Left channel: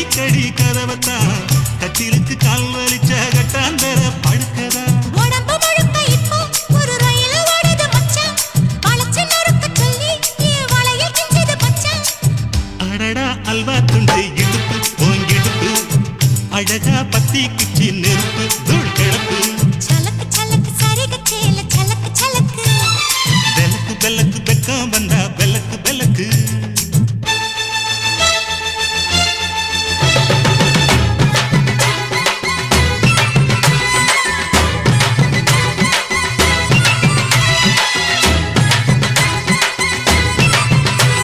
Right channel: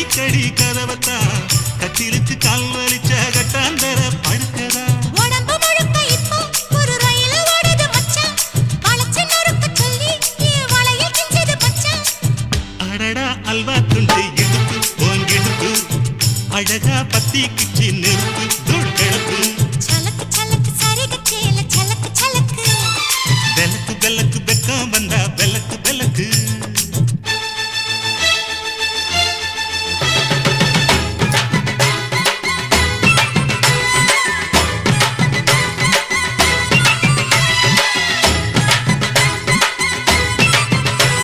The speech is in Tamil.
கடி கதவத்தா கட்டிலுக்கு கால் வலிச்ச கட்டாந்தர படுக்கதா உடம்பு முழுக்க இப்போ ஒரு ரயில் ஓடுது மச்சான் வளைச்சு நறுக்க சொல்லி என் வளையல் கிஞ்சது மச்சான் அடடா அல்வா துண்டு இடுப்பு ஓங்கிடுப்பு அழகா பத்தி கிச்சி நெருப்பு தூள் கிளப்பு சலக்கு சலக்கு சரிக சேல சலக்கு சலக்கு வெலக்கு வெலக்கு வெக்கம் வந்தா